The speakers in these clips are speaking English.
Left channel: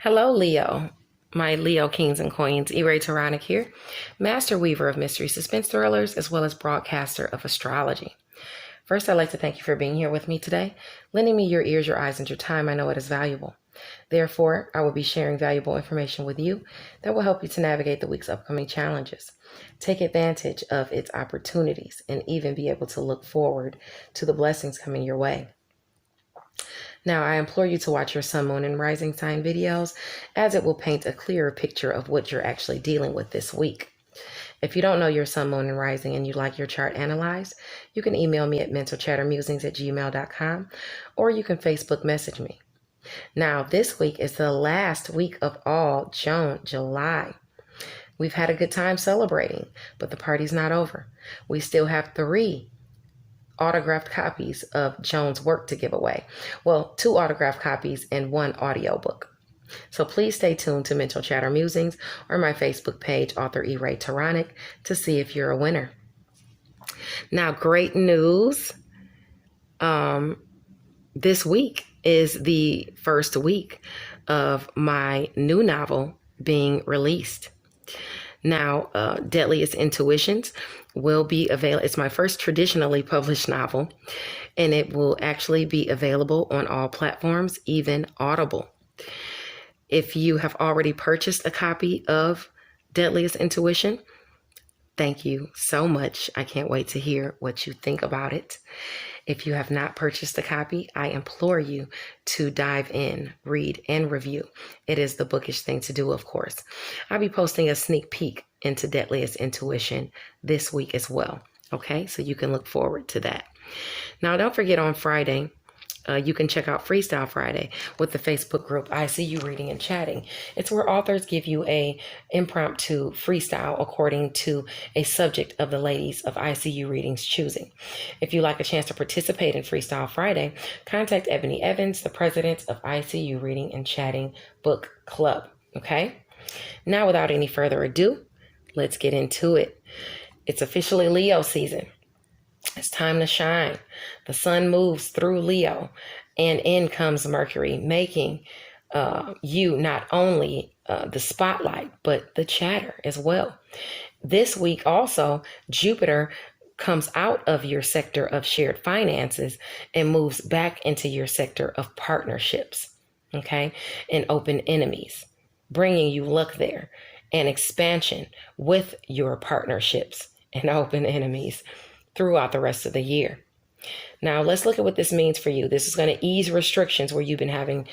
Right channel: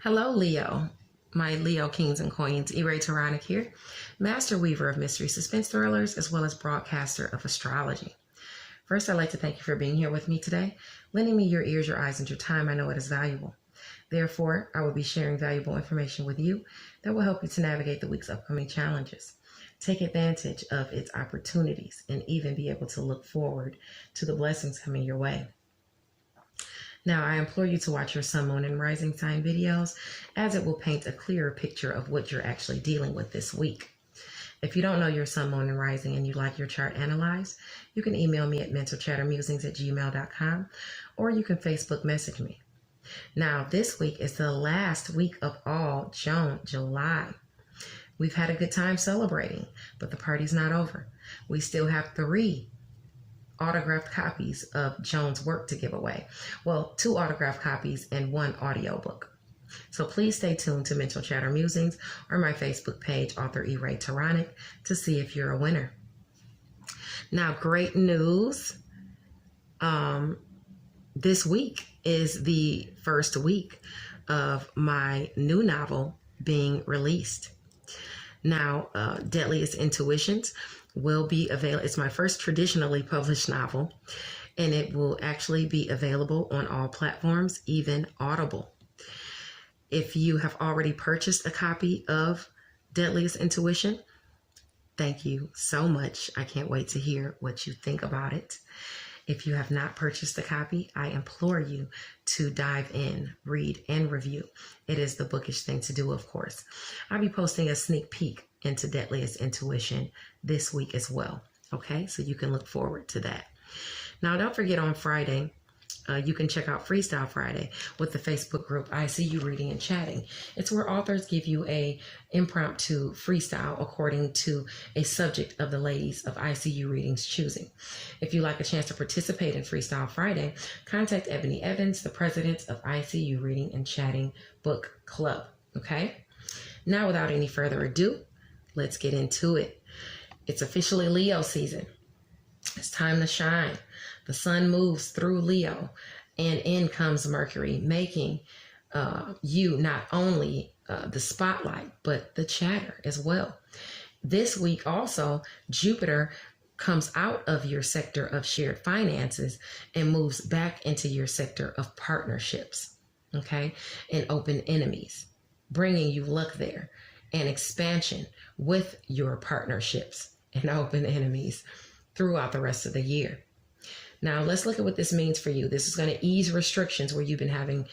Hello, Leo. My Leo kings and queens, E-Ray Taronic here, master weaver of mystery suspense thrillers, as well as broadcaster of astrology. First, I'd like to thank you for being here with me today, lending me your ears, your eyes, and your time. I know it is valuable. Therefore, I will be sharing valuable information with you that will help you to navigate the week's upcoming challenges, take advantage of its opportunities, and even be able to look forward to the blessings coming your way. Now, I implore you to watch your sun, moon, and rising sign videos, as it will paint a clearer picture of what you're actually dealing with this week. If you don't know your sun, moon, and rising and you'd like your chart analyzed, you can email me at mentalchattermusings@gmail.com, or you can Facebook message me. Now, this week is the last week of all June, July. We've had a good time celebrating, but the party's not over. We still have 3 autographed copies of Joan's work to give away. Well, 2 autographed copies and 1 audiobook. So please stay tuned to Mental Chatter Musings or my Facebook page, author E-Ray Taronic, to see if you're a winner. Now, great news. This week is the first week of my new novel being released. Now, Deadliest Intuitions will be available. It's my first traditionally published novel, and it will actually be available on all platforms, even Audible. If you have already purchased a copy of Deadliest Intuition, thank you so much. I can't wait to hear what you think about it. If you have not purchased a copy, I implore you to dive in, read, and review. It is the bookish thing to do, of course. I'll be posting a sneak peek into Deadliest Intuition this week as well. Okay, so you can look forward to that. Now, don't forget on Friday, you can check out Freestyle Friday with the Facebook group I See You Reading and Chatting. It's where authors give you a impromptu freestyle according to a subject of the ladies of I See You Reading's choosing. If you'd like a chance to participate in Freestyle Friday, contact Ebony Evans, the president of I See You Reading and Chatting Book Club. Okay? Now, without any further ado, let's get into it. It's officially Leo season. It's time to shine. The sun moves through Leo, and in comes Mercury, making you not only the spotlight, but the chatter as well. This week also, Jupiter comes out of your sector of shared finances and moves back into your sector of partnerships, okay, and open enemies, bringing you luck there and expansion with your partnerships and open enemies throughout the rest of the year. Now, let's look at what this means for you. This is going to ease restrictions where you've been having,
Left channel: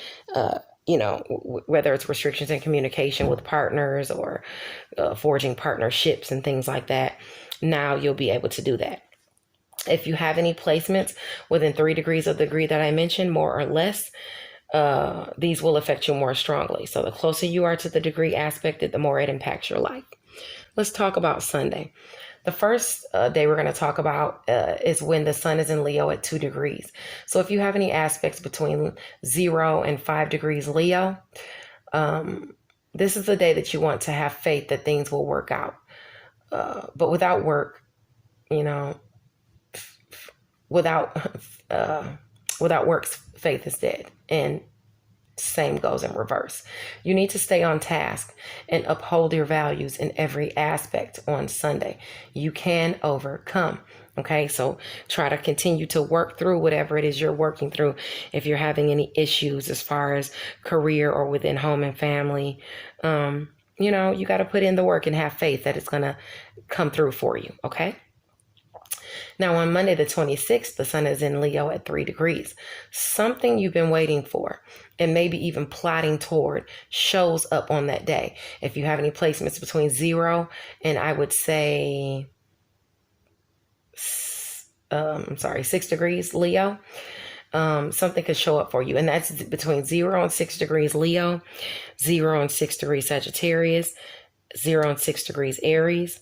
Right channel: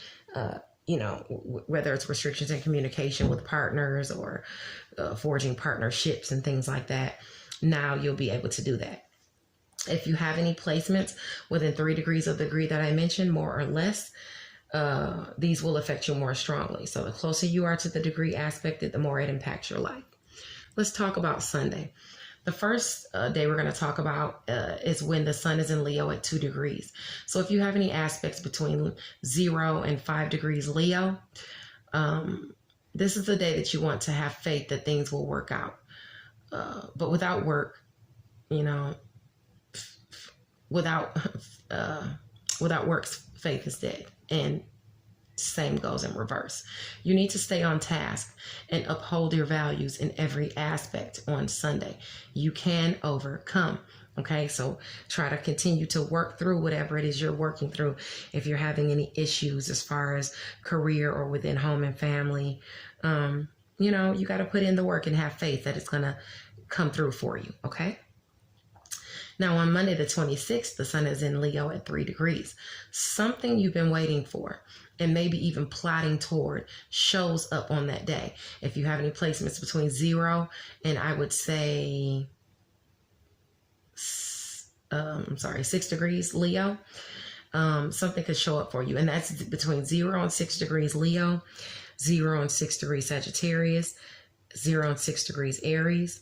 whether it's restrictions in communication with partners or forging partnerships and things like that. Now you'll be able to do that. If you have any placements within 3 degrees of the degree that I mentioned, more or less, these will affect you more strongly. So the closer you are to the degree aspected, the more it impacts your life. Let's talk about Sunday. The first day we're going to talk about is when the sun is in Leo at 2 degrees. So if you have any aspects between 0 and 5 degrees Leo, this is the day that you want to have faith that things will work out. But without work, without works, faith is dead. And same goes in reverse. You need to stay on task and uphold your values in every aspect on Sunday. You can overcome. Okay, so try to continue to work through whatever it is you're working through. If you're having any issues as far as career or within home and family, you got to put in the work and have faith that it's going to come through for you. Okay. Now, on Monday, the 26th, the sun is in Leo at 3 degrees. Something you've been waiting for and maybe even plotting toward shows up on that day. If you have any placements between 0 and I would say, 6 degrees Leo, something could show up for you. And that's between 0 and 6 degrees Leo, 0 and 6 degrees Sagittarius, 0 and 6 degrees Aries,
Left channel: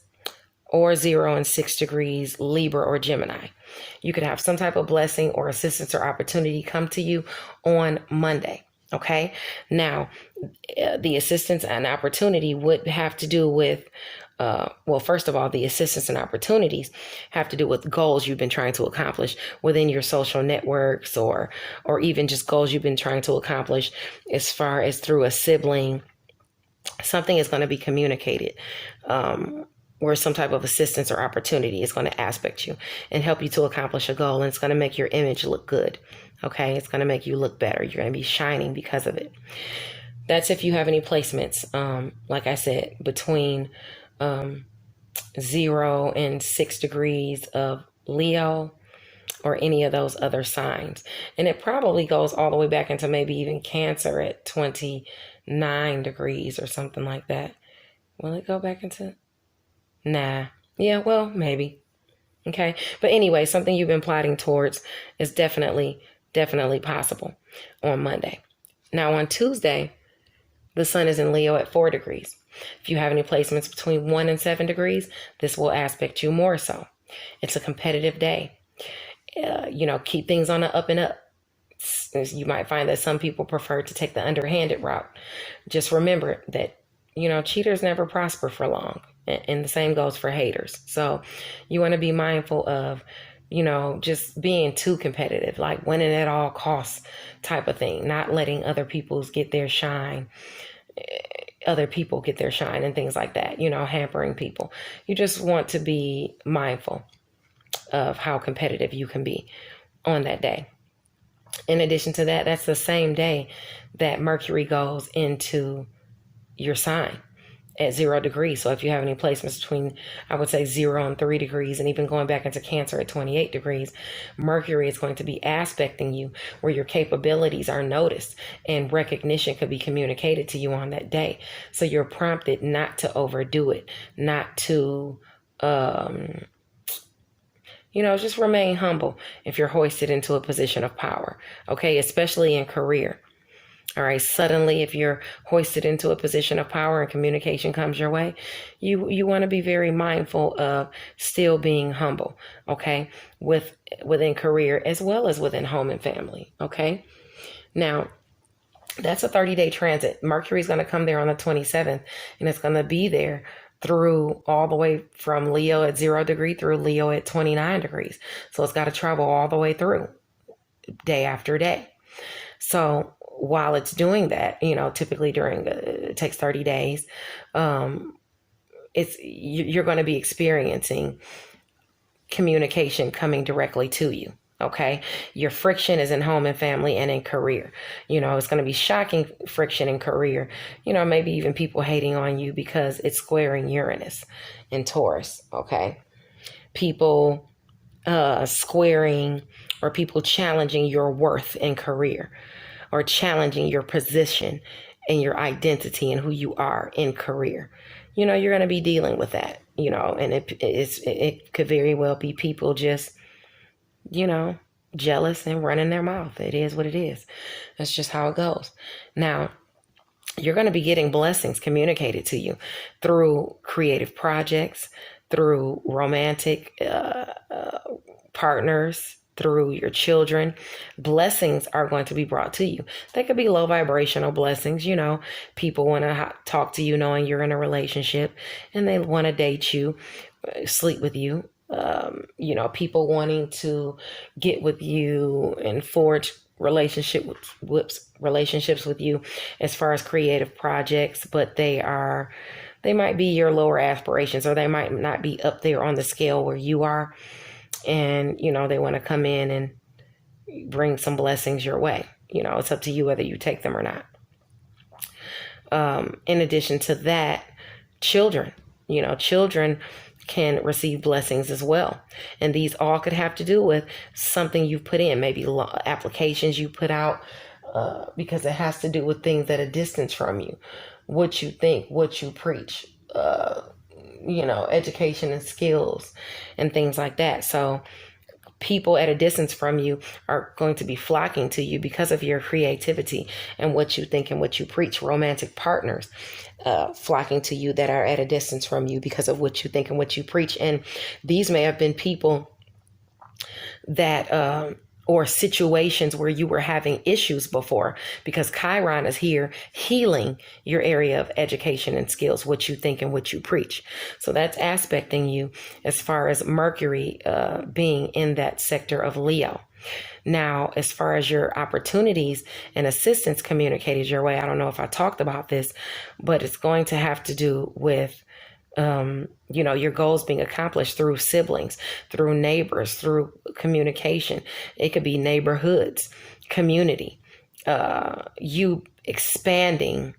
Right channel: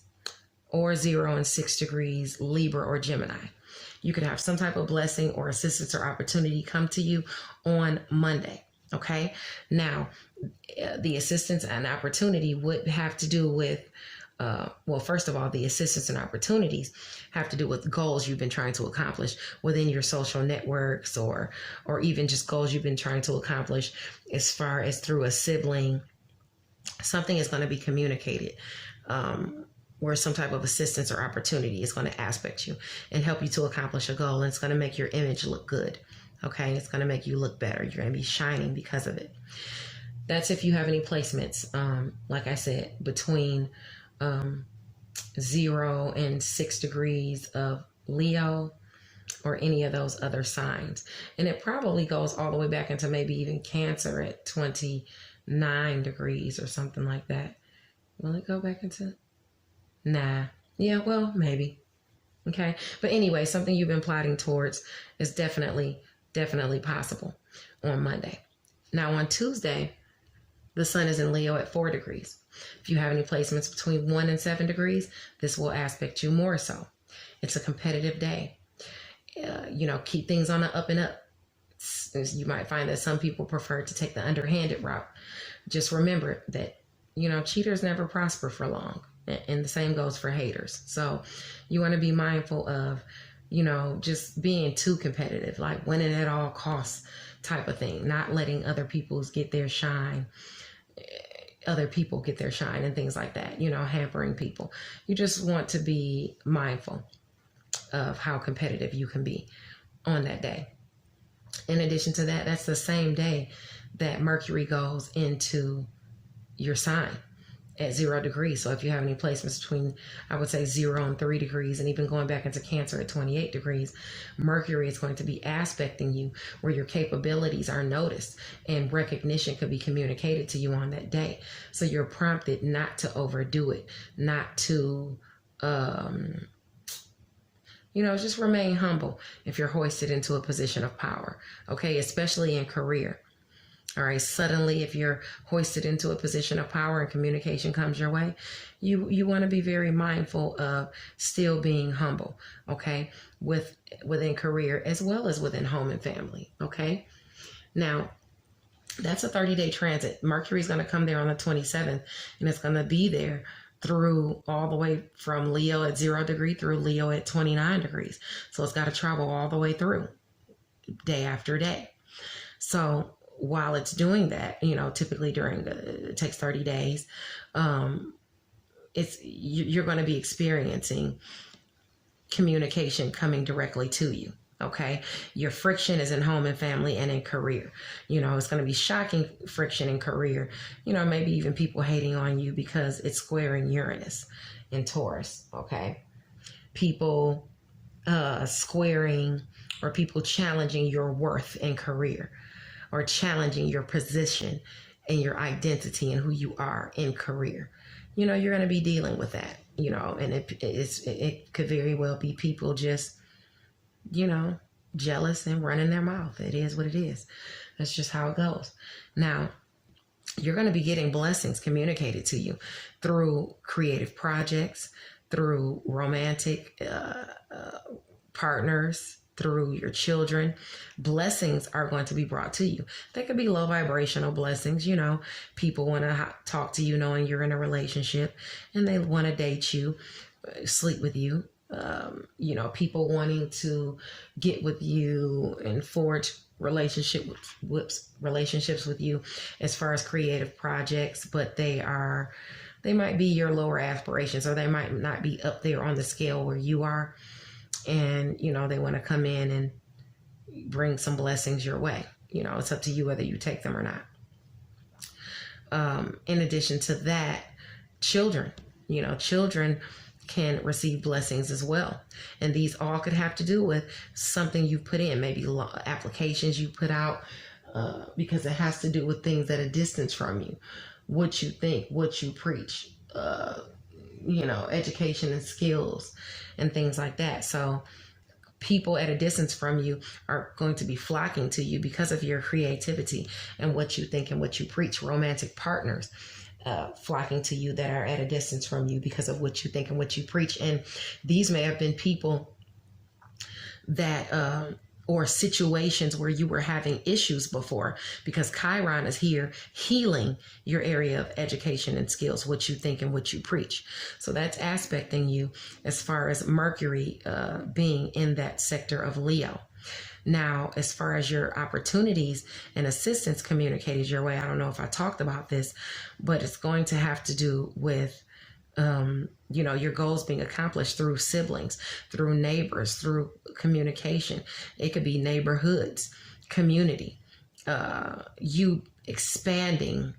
or 0 and 6 degrees Libra or Gemini. You could have some type of blessing or assistance or opportunity come to you on Monday. Okay. Now, the assistance and opportunity would have to do with Well, first of all, the assistance and opportunities have to do with goals you've been trying to accomplish within your social networks, or even just goals you've been trying to accomplish as far as through a sibling. Something is going to be communicated, where some type of assistance or opportunity is going to aspect you and help you to accomplish a goal. And it's going to make your image look good. Okay. It's going to make you look better. You're going to be shining because of it. That's if you have any placements, like I said, between 0 and 6 degrees of Leo or any of those other signs. And it probably goes all the way back into maybe even Cancer at 29 degrees or something like that. Will it go back into? Nah. Yeah, well, maybe. Okay. But anyway, something you've been plotting towards is definitely possible on Monday. Now on Tuesday, the sun is in Leo at 4 degrees. If you have any placements between 1 and 7 degrees, this will aspect you more so. It's a competitive day. Keep things on the up and up. You might find that some people prefer to take the underhanded route. Just remember that, cheaters never prosper for long. And the same goes for haters. So you want to be mindful of, just being too competitive, like winning at all costs type of thing, not letting other people get their shine and things like that, hampering people. You just want to be mindful of how competitive you can be on that day. In addition to that, that's the same day that Mercury goes into your sign at 0 degrees. So if you have any placements between, I would say 0 and 3 degrees, and even going back into Cancer at 28 degrees, Mercury is going to be aspecting you where your capabilities are noticed and recognition could be communicated to you on that day. So you're prompted not to overdo it, not to, just remain humble if you're hoisted into a position of power. Okay. Especially in career. All right. Suddenly, if you're hoisted into a position of power and communication comes your way, you want to be very mindful of still being humble. Okay. Within career as well as within home and family. Okay. Now, that's a 30-day transit. Mercury is going to come there on the 27th, and it's going to be there through all the way from Leo at 0 degree through Leo at 29 degrees. So it's got to travel all the way through day after day. So while it's doing that, typically it takes 30 days, you're going to be experiencing communication coming directly to you. Okay. Your friction is in home and family and in career. It's going to be shocking friction in career. Maybe even people hating on you because it's squaring Uranus in Taurus. Okay. People squaring or people challenging your worth in career or challenging your position and your identity and who you are in career. You're going to be dealing with that, and it could very well be people just jealous and running their mouth. It is what it is. That's just how it goes. Now, you're going to be getting blessings communicated to you through creative projects, through romantic partners, through your children. Blessings are going to be brought to you. They could be low vibrational blessings. People want to talk to you knowing you're in a relationship and they want to date you, sleep with you. People wanting to get with you and forge relationships with you as far as creative projects, but they might be your lower aspirations, or they might not be up there on the scale where you are. And, they want to come in and bring some blessings your way. It's up to you whether you take them or not. In addition to that, children can receive blessings as well. And these all could have to do with something you've put in, maybe applications you put out, because it has to do with things at a distance from you, what you think, what you preach, education and skills and things like that. So people at a distance from you are going to be flocking to you because of your creativity and what you think and what you preach. Romantic partners flocking to you that are at a distance from you because of what you think and what you preach. And these may have been people that or situations where you were having issues before, because Chiron is here healing your area of education and skills, what you think and what you preach. So that's aspecting you as far as Mercury being in that sector of Leo. Now, as far as your opportunities and assistance communicated your way, I don't know if I talked about this, but it's going to have to do with your goals being accomplished through siblings, through neighbors, through communication. It could be neighborhoods, community, you expanding,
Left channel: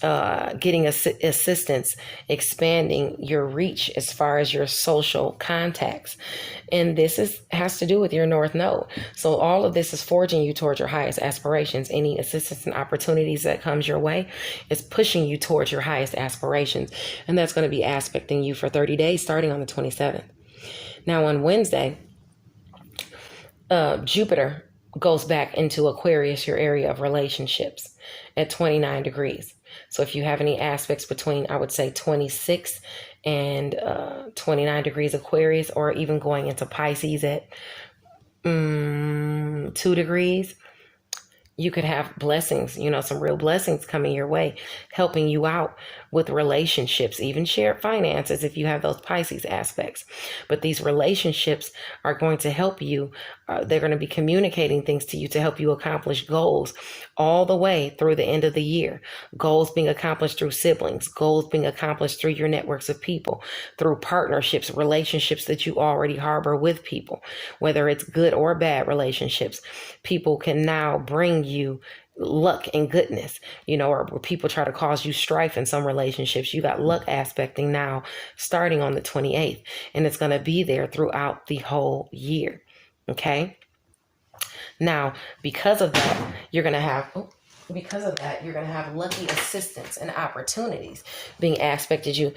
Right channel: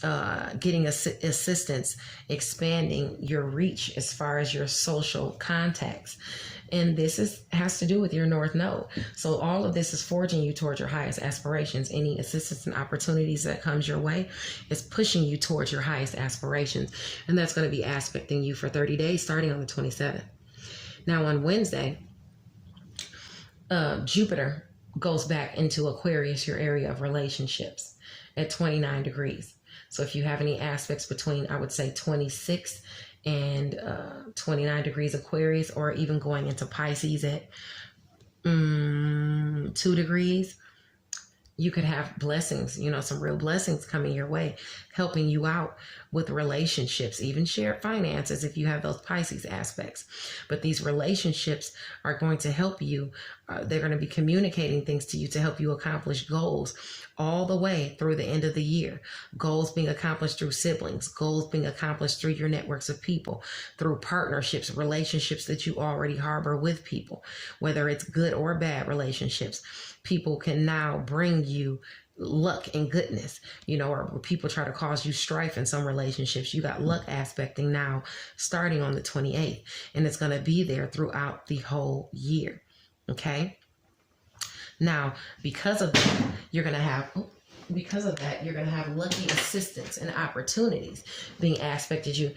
getting assistance, expanding your reach as far as your social contacts. And this has to do with your North Node. So all of this is forging you towards your highest aspirations. Any assistance and opportunities that comes your way is pushing you towards your highest aspirations. And that's going to be aspecting you for 30 days, starting on the 27th. Now on Wednesday, Jupiter goes back into Aquarius, your area of relationships, at 29 degrees. So if you have any aspects between, I would say 26 and 29 degrees Aquarius, or even going into Pisces at 2 degrees, you could have blessings, some real blessings coming your way, helping you out with relationships, even shared finances if you have those Pisces aspects. But these relationships are going to help you. They're going to be communicating things to you to help you accomplish goals all the way through the end of the year. Goals being accomplished through siblings, goals being accomplished through your networks of people, through partnerships, relationships that you already harbor with people, whether it's good or bad relationships. People can now bring you luck and goodness, or where people try to cause you strife in some relationships. You got luck aspecting now starting on the 28th, and it's going to be there throughout the whole year. Okay. Now, because of that, you're going to have lucky assistance and opportunities being aspected to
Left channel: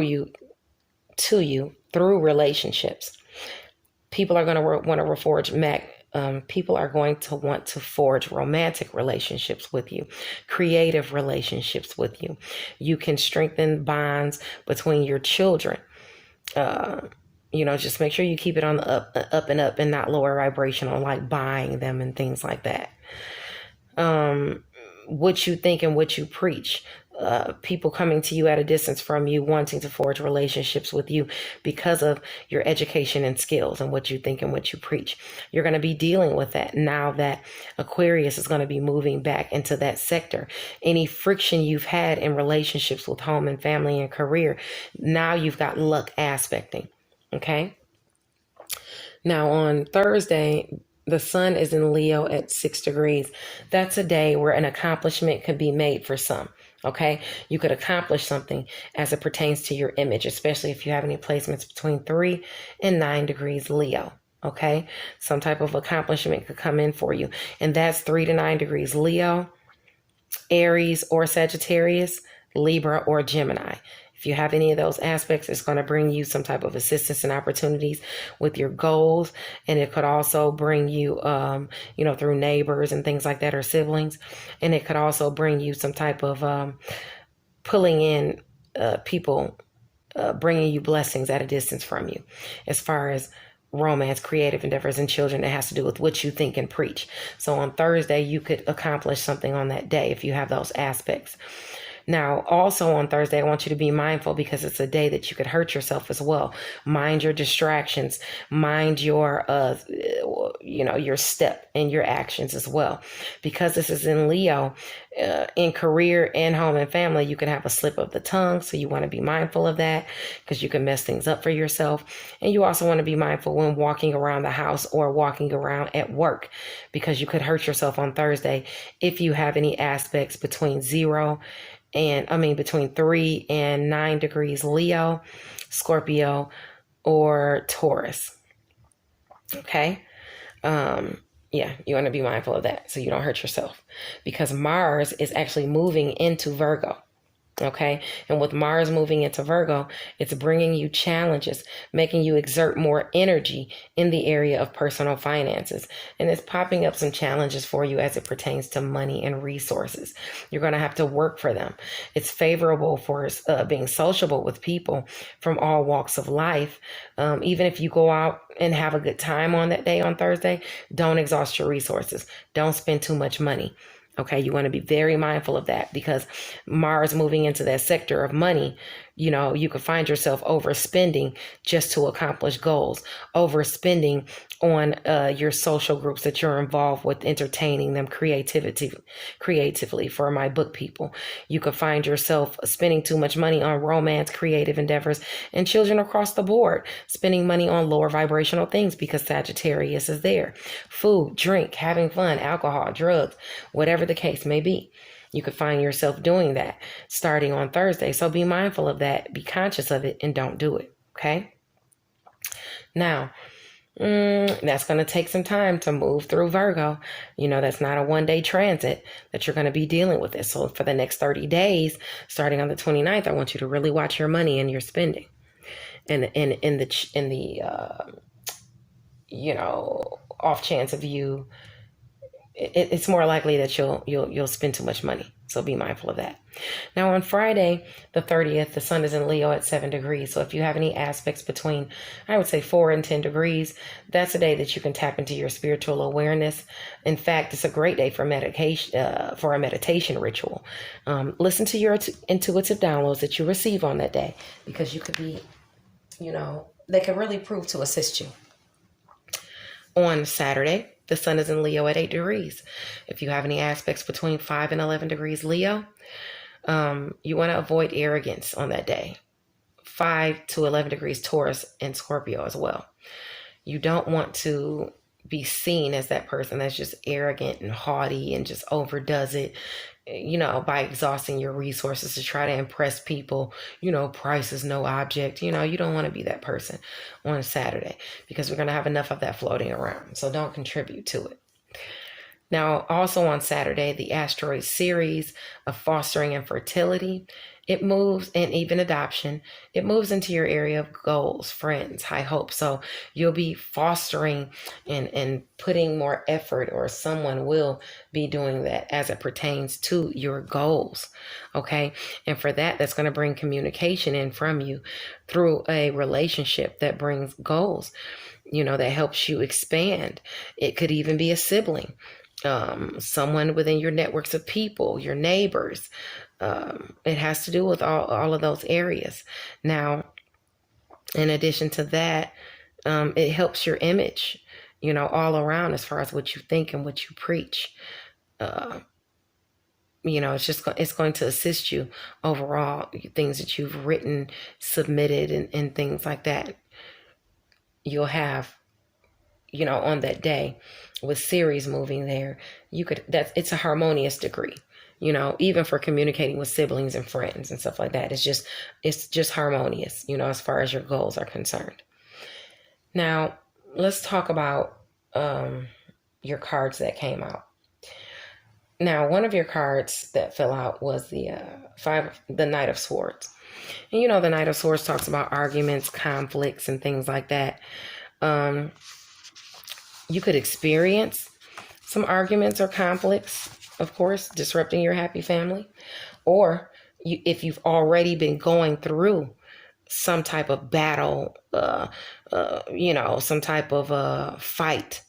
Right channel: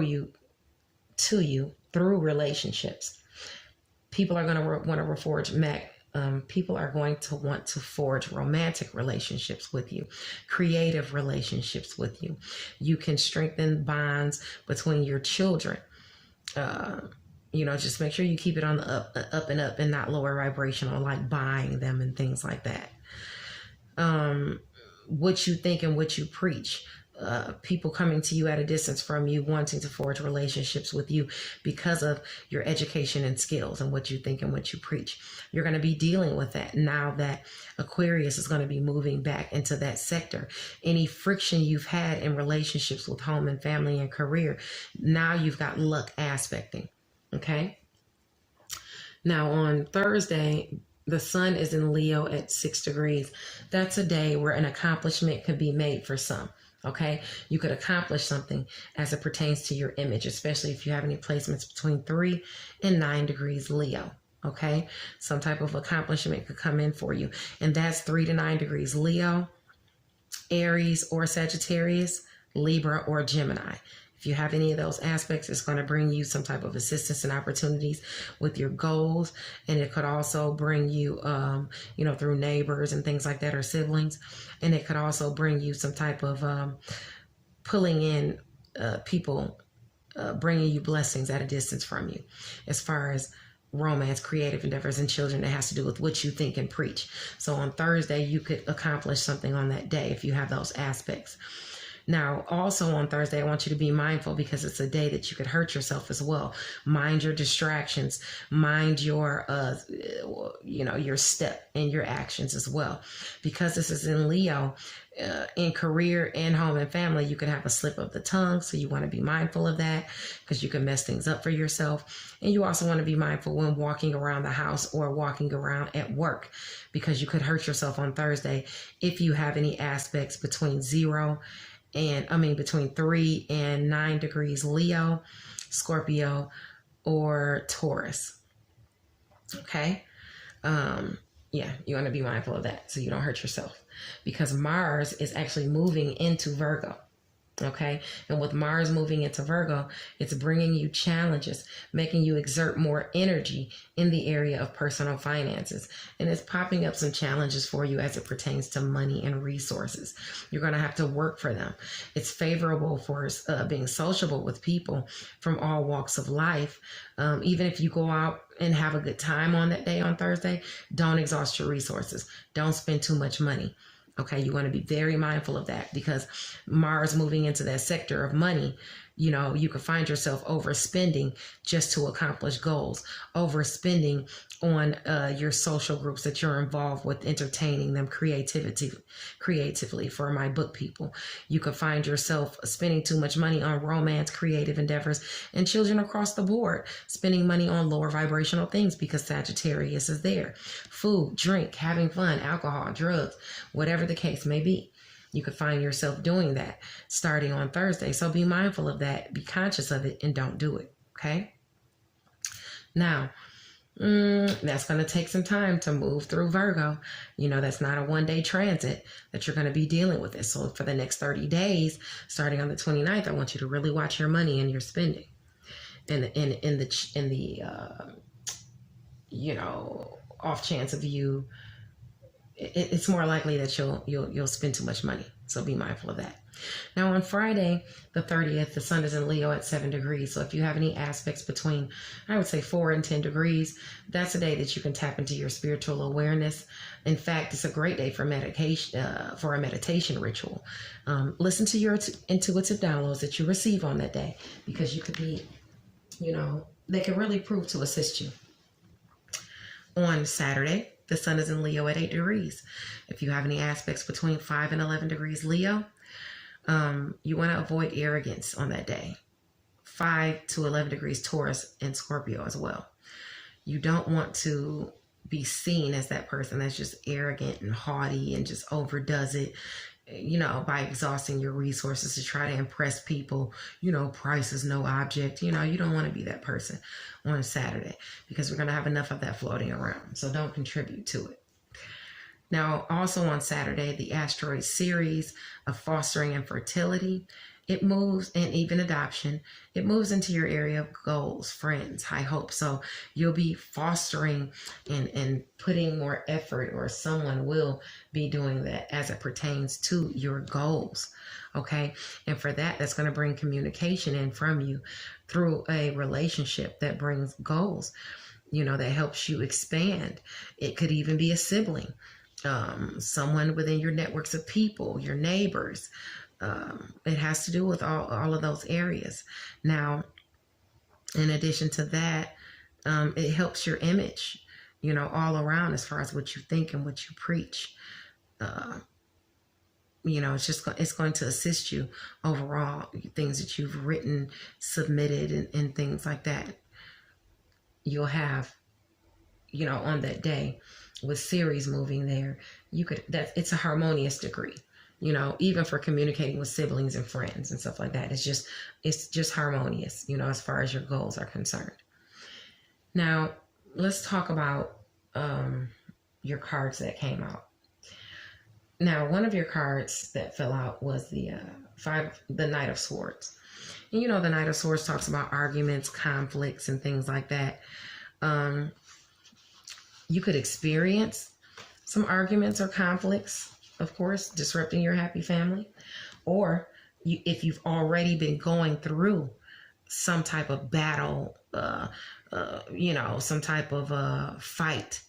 you through relationships. People are going to want to reforge people are going to want to forge romantic relationships with you, creative relationships with you. You can strengthen bonds between your children. Just make sure you keep it on the up and up, and not lower vibrational, like buying them and things like that. What you think and what you preach. People coming to you at a distance from you, wanting to forge relationships with you because of your education and skills and what you think and what you preach. You're going to be dealing with that now that Aquarius is going to be moving back into that sector. Any friction you've had in relationships with home and family and career, now you've got luck aspecting. Okay. Now on Thursday, the sun is in Leo at 6 degrees. That's a day where an accomplishment could be made for some. Okay, you could accomplish something as it pertains to your image, especially if you have any placements between 3 and 9 degrees Leo. Okay, some type of accomplishment could come in for you, and that's 3 to 9 degrees Leo, Aries or Sagittarius, Libra or Gemini. If you have any of those aspects, it's going to bring you some type of assistance and opportunities with your goals. And it could also bring you, through neighbors and things like that, or siblings. And it could also bring you some type of pulling in people, bringing you blessings at a distance from you, as far as romance, creative endeavors, and children. It has to do with what you think and preach. So on Thursday, you could accomplish something on that day if you have those aspects. Now, also on Thursday, I want you to be mindful, because it's a day that you could hurt yourself as well. Mind your distractions, mind your step and your actions as well. Because this is in Leo, in career and home and family, you can have a slip of the tongue. So you want to be mindful of that, because you can mess things up for yourself. And you also want to be mindful when walking around the house or walking around at work, because you could hurt yourself on Thursday if you have any aspects between between 3 and 9 degrees Leo, Scorpio, or Taurus. Okay. You want to be mindful of that so you don't hurt yourself, because Mars is actually moving into Virgo. Okay. And with Mars moving into Virgo, it's bringing you challenges, making you exert more energy in the area of personal finances. And it's popping up some challenges for you as it pertains to money and resources. You're going to have to work for them. It's favorable for being sociable with people from all walks of life. Even if you go out and have a good time on that day on Thursday, don't exhaust your resources. Don't spend too much money. Okay, you want to be very mindful of that, because Mars moving into that sector of money, you could find yourself overspending just to accomplish goals, overspending on your social groups that you're involved with, entertaining them creatively for my book people. You could find yourself spending too much money on romance, creative endeavors, and children across the board, spending money on lower vibrational things because Sagittarius is there. Food, drink, having fun, alcohol, drugs, whatever the case may be. You could find yourself doing that starting on Thursday. So be mindful of that, be conscious of it, and don't do it. Okay. Now, that's going to take some time to move through Virgo. That's not a one-day transit that you're going to be dealing with it. So for the next 30 days, starting on the 29th, I want you to really watch your money and your spending. And in the off chance of you, it's more likely that you'll spend too much money. So be mindful of that. Now on Friday, the 30th, the sun is in Leo at 7 degrees. So if you have any aspects between, I would say 4 and 10 degrees, that's a day that you can tap into your spiritual awareness. In fact, it's a great day for meditation, for a meditation ritual. Listen to your intuitive downloads that you receive on that day, because you could be, they can really prove to assist you. On Saturday, the sun is in Leo at 8 degrees. If you have any aspects between 5 and 11 degrees Leo, you want to avoid arrogance on that day. 5 to 11 degrees Taurus and Scorpio as well. You don't want to be seen as that person that's just arrogant and haughty and just overdoes it, by exhausting your resources to try to impress people. Price is no object. You don't want to be that person on Saturday, because we're going to have enough of that floating around. So don't contribute to it. Now, also on Saturday, the asteroid Ceres of fostering and fertility, it moves, and even adoption, it moves into your area of goals, friends, high hopes. So you'll be fostering and putting more effort, or someone will be doing that as it pertains to your goals. Okay. And for that, that's going to bring communication in from you through a relationship that brings goals, that helps you expand. It could even be a sibling, someone within your networks of people, your neighbors. It has to do with all of those areas. Now, in addition to that, it helps your image, all around, as far as what you think and what you preach. It's going to assist you overall, things that you've written, submitted, and things like that. You'll have, on that day, with Ceres moving there, it's a harmonious degree. Even for communicating with siblings and friends and stuff like that. It's just harmonious, as far as your goals are concerned. Now, let's talk about your cards that came out. Now, one of your cards that fell out was the Knight of Swords. And the Knight of Swords talks about arguments, conflicts, and things like that. You could experience some arguments or conflicts, of course, disrupting your happy family. Or if you've already been going through some type of battle, some type of fight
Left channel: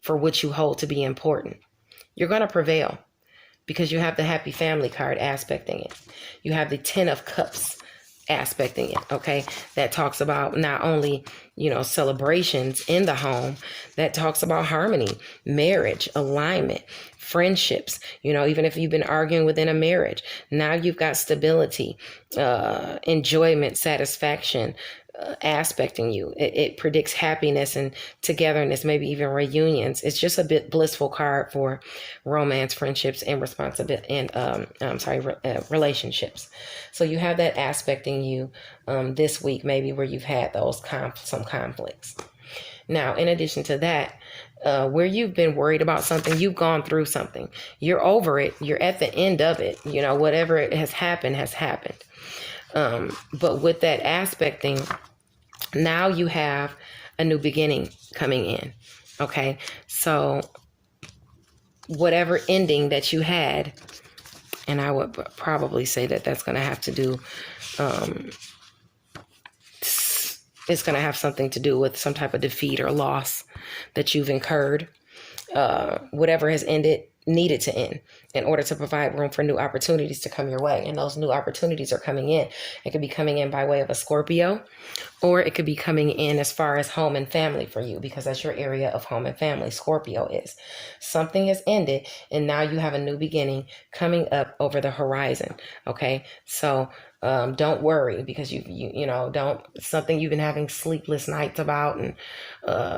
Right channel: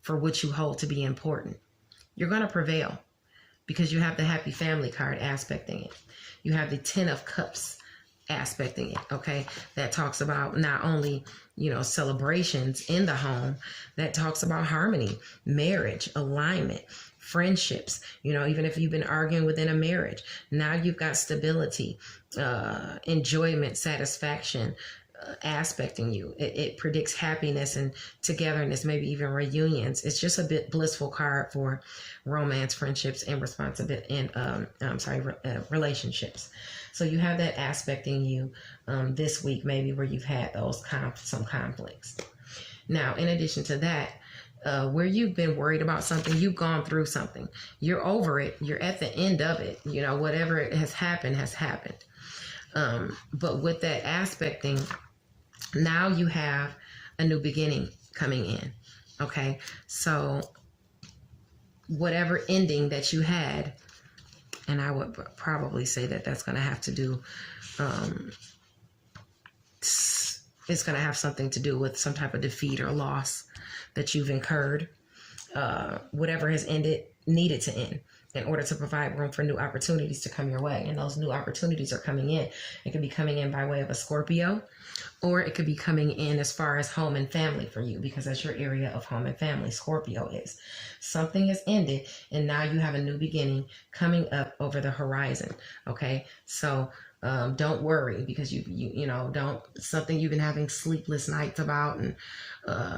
for what you hold to be important, you're going to prevail, because you have the happy family card aspecting it. You have the 10 of Cups aspecting it, okay? That talks about not only, celebrations in the home, that talks about harmony, marriage, alignment, friendships, even if you've been arguing within a marriage, now you've got stability, enjoyment, satisfaction, aspecting you. It predicts happiness and togetherness, maybe even reunions. It's just a bit blissful card for romance, friendships, and relationships. So you have that aspecting you this week, maybe where you've had those some conflicts. Now, in addition to that, where you've been worried about something, you've gone through something, you're over it, you're at the end of it, whatever has happened has happened. But with that aspecting, now you have a new beginning coming in. Okay, so whatever ending that you had, and I would probably say that that's going to have to do, it's going to have something to do with some type of defeat or loss that you've incurred. Whatever has ended needed to end in order to provide room for new opportunities to come your way. And those new opportunities are coming in. It could be coming in by way of a Scorpio, or it could be coming in as far as home and family for you, because that's your area of home and family. Scorpio is. Something has ended, and now you have a new beginning coming up over the horizon. Okay, so don't worry, because you know, don't, something you've been having sleepless nights about, and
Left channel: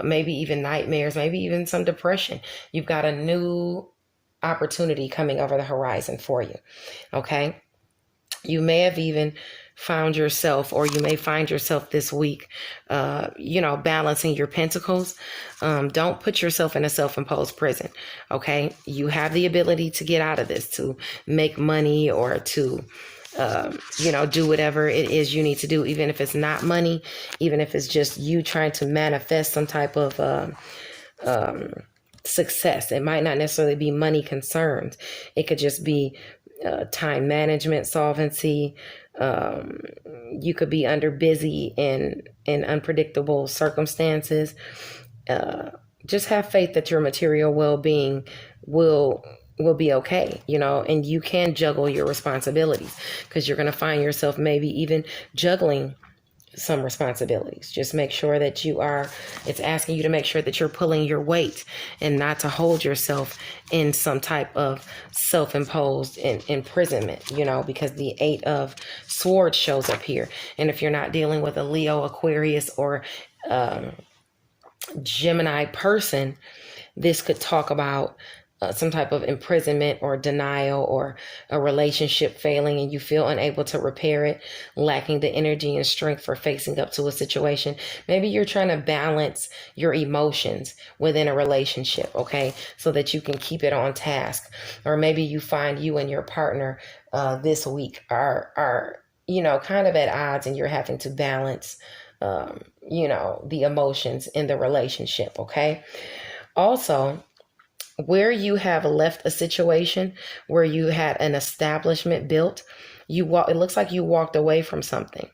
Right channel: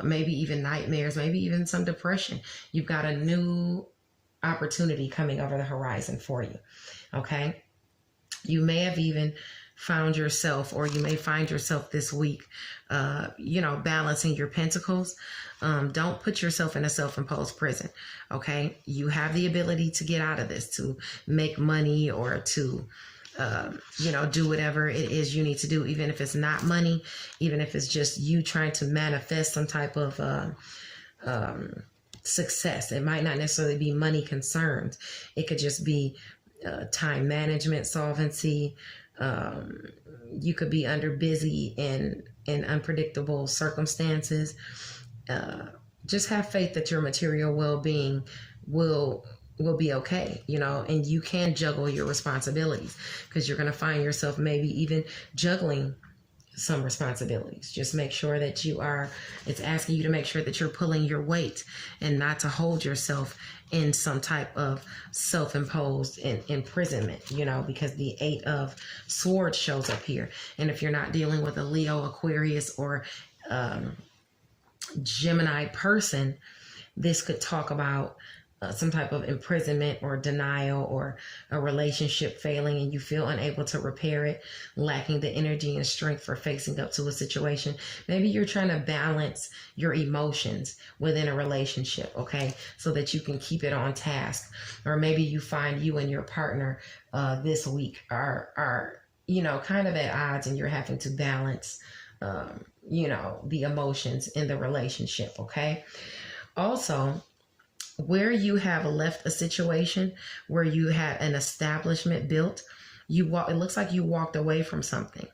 maybe even nightmares, maybe even some depression. You've got a new opportunity coming over the horizon for you. Okay, you may have even found yourself, or you may find yourself this week, balancing your pentacles. Don't put yourself in a self-imposed prison. Okay, you have the ability to get out of this, to make money, or to do whatever it is you need to do, even if it's not money, even if it's just you trying to manifest some type of success. It might not necessarily be money concerns. It could just be time management, solvency. You could be under busy in unpredictable circumstances. Just have faith that your material well-being will be okay, and you can juggle your responsibilities, because you're going to find yourself maybe even juggling some responsibilities. Just make sure that it's asking you to make sure that you're pulling your weight, and not to hold yourself in some type of self-imposed imprisonment, because the 8 of Swords shows up here. And if you're not dealing with a Leo, Aquarius, or Gemini person, this could talk about some type of imprisonment or denial, or a relationship failing and you feel unable to repair it, lacking the energy and strength for facing up to a situation. Maybe you're trying to balance your emotions within a relationship, okay, so that you can keep it on task. Or maybe you find you and your partner this week are kind of at odds, and you're having to balance the emotions in the relationship, okay? Also, where you have left a situation where you had an establishment built, it looks like you walked away from something.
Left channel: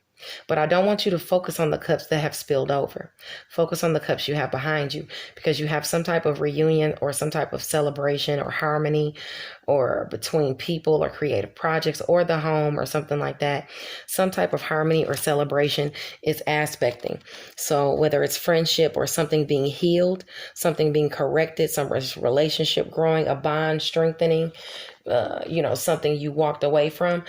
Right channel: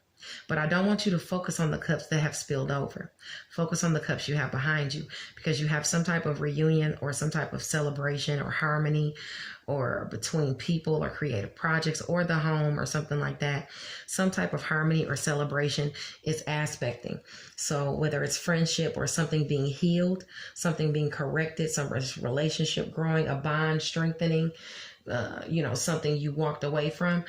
But I don't want you to focus on the cups that have spilled over. Focus on the cups you have behind you, because you have some type of reunion, or some type of celebration or harmony, or between people or creative projects, or the home, or something like that. Some type of harmony or celebration is aspecting. So whether it's friendship, or something being healed, something being corrected, some relationship growing, a bond strengthening, something you walked away from,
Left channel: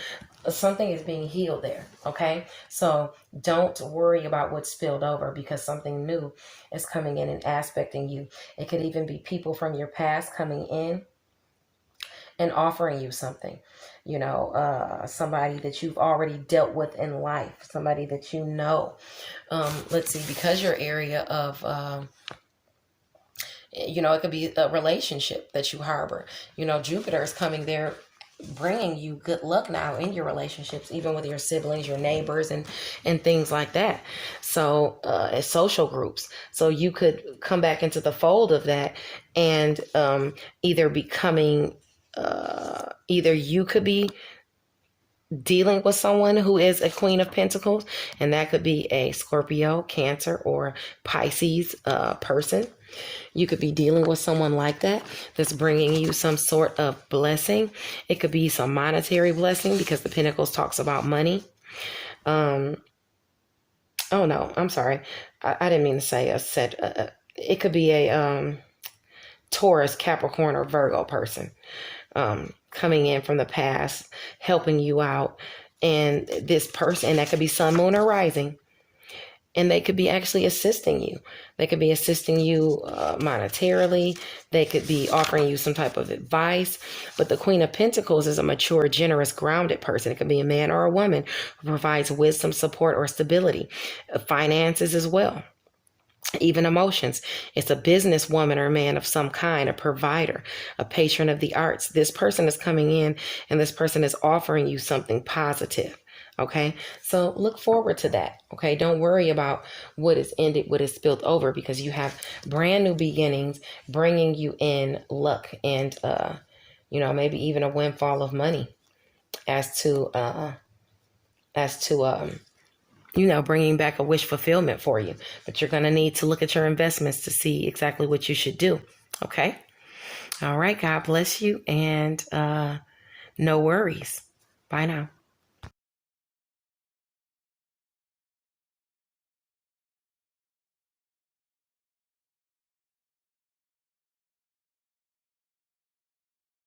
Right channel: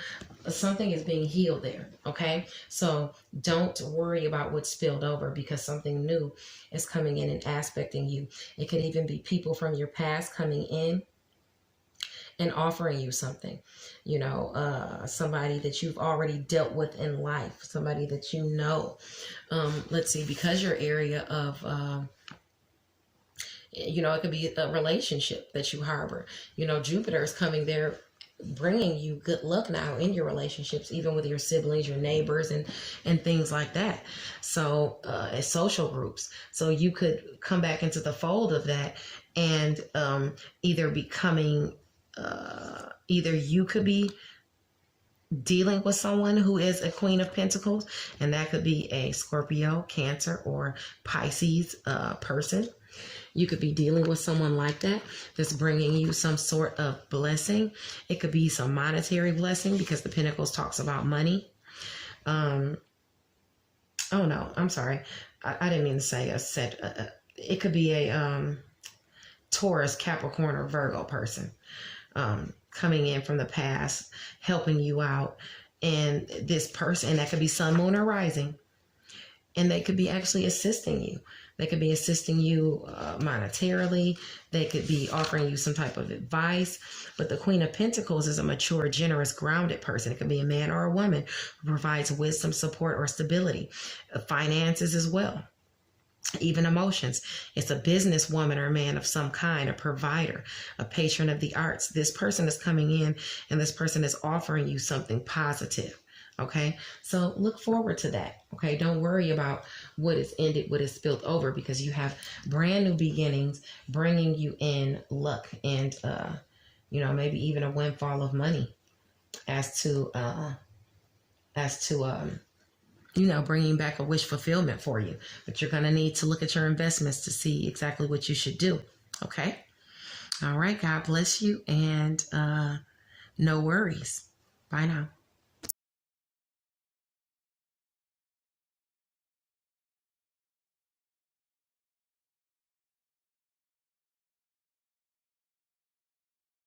something is being healed there. Okay, so don't worry about what spilled over, because something new is coming in and aspecting you. It could even be people from your past coming in and offering you something, somebody that you've already dealt with in life, somebody that let's see, because your area of it could be a relationship that you harbor. Jupiter is coming there, bringing you good luck now in your relationships, even with your siblings, your neighbors, and things like that. So social groups. So you could come back into the fold of that, and either you could be dealing with someone who is a Queen of Pentacles, and that could be a Scorpio, Cancer, or Pisces person. You could be dealing with someone like that that's bringing you some sort of blessing. It could be some monetary blessing, because the Pentacles talks about money. Oh no, I'm sorry. I didn't mean to say a set. It could be a Taurus, Capricorn, or Virgo person coming in from the past, helping you out. And this person, and that could be sun, moon, or rising. And they could be actually assisting you. They could be assisting you monetarily. They could be offering you some type of advice. But the Queen of Pentacles is a mature, generous, grounded person. It could be a man or a woman who provides wisdom, support, or stability. Finances as well. Even emotions. It's a businesswoman or man of some kind, a provider, a patron of the arts. This person is coming in and this person is offering you something positive. Okay. So look forward to that. Okay. Don't worry about what is ended, what is spilled over, because you have brand new beginnings bringing you in luck and, maybe even a windfall of money as to, bringing back a wish fulfillment for you. But you're going to need to look at your investments to see exactly what you should do. Okay. All right. God bless you. And no worries. Bye now.